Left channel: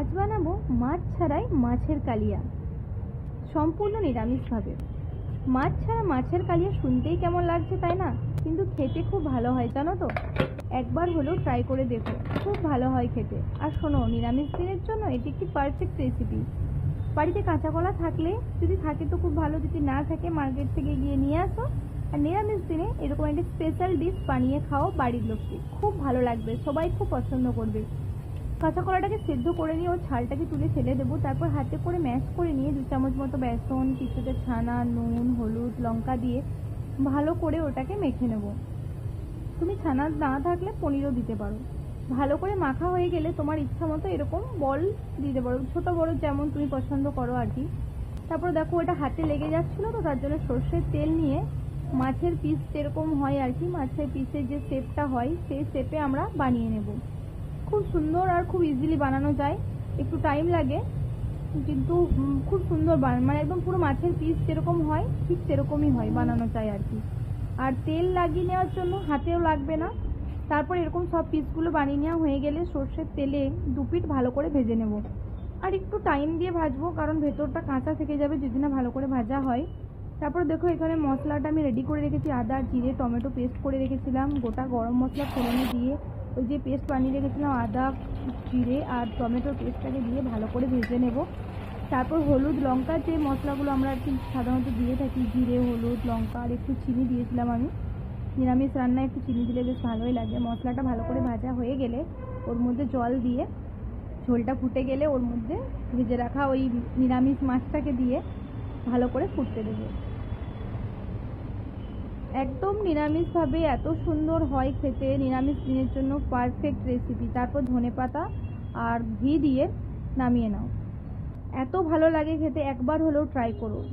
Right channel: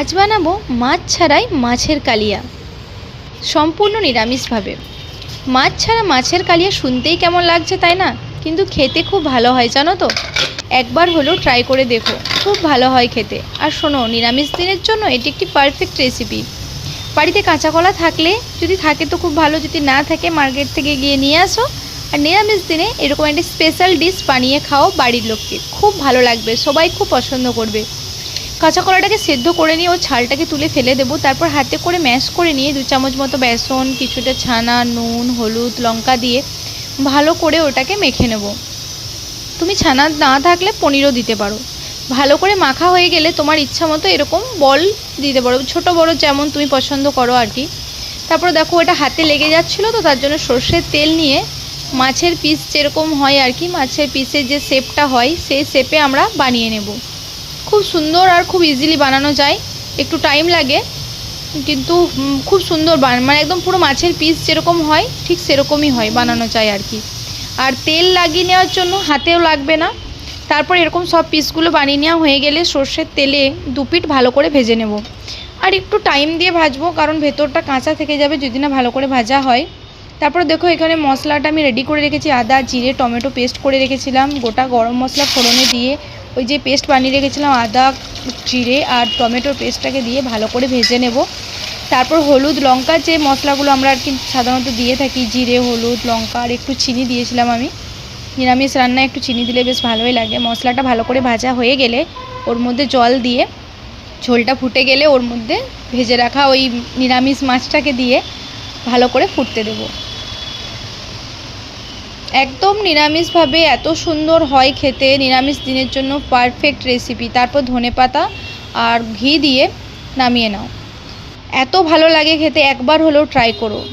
আজ বানাবো মাছ ছাড়াই মাছের কালিয়া, সম্পূর্ণ নিরামিষভাবে। মাছ ছাড়া মাছের কালিয়া শুনতেই কেমন লাগছে তাই না, কিন্তু খেতে খুব ভালো হয় জানো তো। একবার হলেও ট্রাই করে দেখো, খুব ভালো হয় খেতে। আর শোনো, নিরামিষ দিনের জন্য এটি একটি পারফেক্ট রেসিপি। বাড়িতে কাঁচা কলা থাকলে, যদি থাকে তো খুব ভালো, যদি না থাকে মার্কেট থেকে গিয়ে নিয়ে আসো। আর নিরামিষ দিনে এরকম একটি স্পেশাল ডিশ বানিয়ে খাও বাড়ির লোককে, খুব ভালো লাগবে, সবাই খুব পছন্দ করবে। কাঁচা কলাটাকে সেদ্ধ করে নিয়ে ওর ছালটাকে তুলে ফেলে দেবো। তারপর হাতে করে ম্যাশ করে নিয়ে 2 চামচ মতো বেসন, কিছুটা ছানা, নুন, হলুদ, লঙ্কা দিয়ে ভালো করে ওটাকে মেখে নেব। তুমি ছানা না থাকলে পনিরও দিতে পারো। ভালো করে মাখা হয়ে গেলে তোমার ইচ্ছা মতো এরকম বল দিতে পারো, ছোট বড় যেমন তুমি পছন্দ করো আর কি। তারপর দেখো ওটা হাতে লেগে যাচ্ছিলো, তো তার জন্য সর্ষের তেল নিয়ে মাছের পিস যেরকম হয় আর কি, মাছের পিসের যে শেপটা হয় সেই শেপে আমরা বানিয়ে নেব। খুব সুন্দর আর খুব ইজিলি বানানো যায়, একটু টাইম লাগে কিন্তু খুব সুন্দর মানে একদম পুরো মাছের পিস যেরকম হয় ঠিক সেরকমই হয়, বানানো যায় আর কি। আর তেল লাগিয়ে নেওয়ার জন্য হাতেও লাগবে না। তারপর এরকম সব পিসগুলো বানিয়ে নেওয়া হয়ে গেলে সর্ষের তেলে 2 পিঠ ভালো করে ভেজে নেব। আর একটু টাইম দিয়ে ভাজবো, কারণ ভেতরটা কাঁচা থেকে যাবে যদি না ভালো করে ভাজা হয়। তারপর দেখো এখানে মশলাটা আমি রেডি করে রেখেছি, আদা, জিরে, টমেটো পেস্ট করে রেখেছিলাম, গোটা গরম মশলা ফোড়নে দিয়ে ওই যে পেস্ট বানিয়ে রেখেছিলাম আদা, জিরে আর টমেটোর পেস্টটাকে দিয়ে ভালো করে ভেজে নেব। তারপর হলুদ, লঙ্কার যে মশলাগুলো আমরা আর কি সাধারণত দিয়ে থাকি, জিরে, হলুদ, লঙ্কা আর একটু চিনি দিয়েছিলাম আমি। নিরামিষ রান্নায় একটু চিনি দিলে বেশ ভালোই লাগে। মশলাটা ভালো করে ভাজা হয়ে গেলে ওর মধ্যে জল দিয়ে, ঝোলটা ফুটে গেলে ওর মধ্যে ভেজে রাখা ওই নিরামিষ মাছটাকে দিয়ে ভালো করে ফুটতে দেব। একদম নিরামিষভাবে এত সুন্দর হয় খেতে, নিরামিষ দিনের জন্য পারফেক্ট রেসিপি। তারপর ধনেপাতা আর ঘি দিয়ে নামিয়ে নাও, এত ভালো লাগে খেতে, একবার হলেও ট্রাই করো।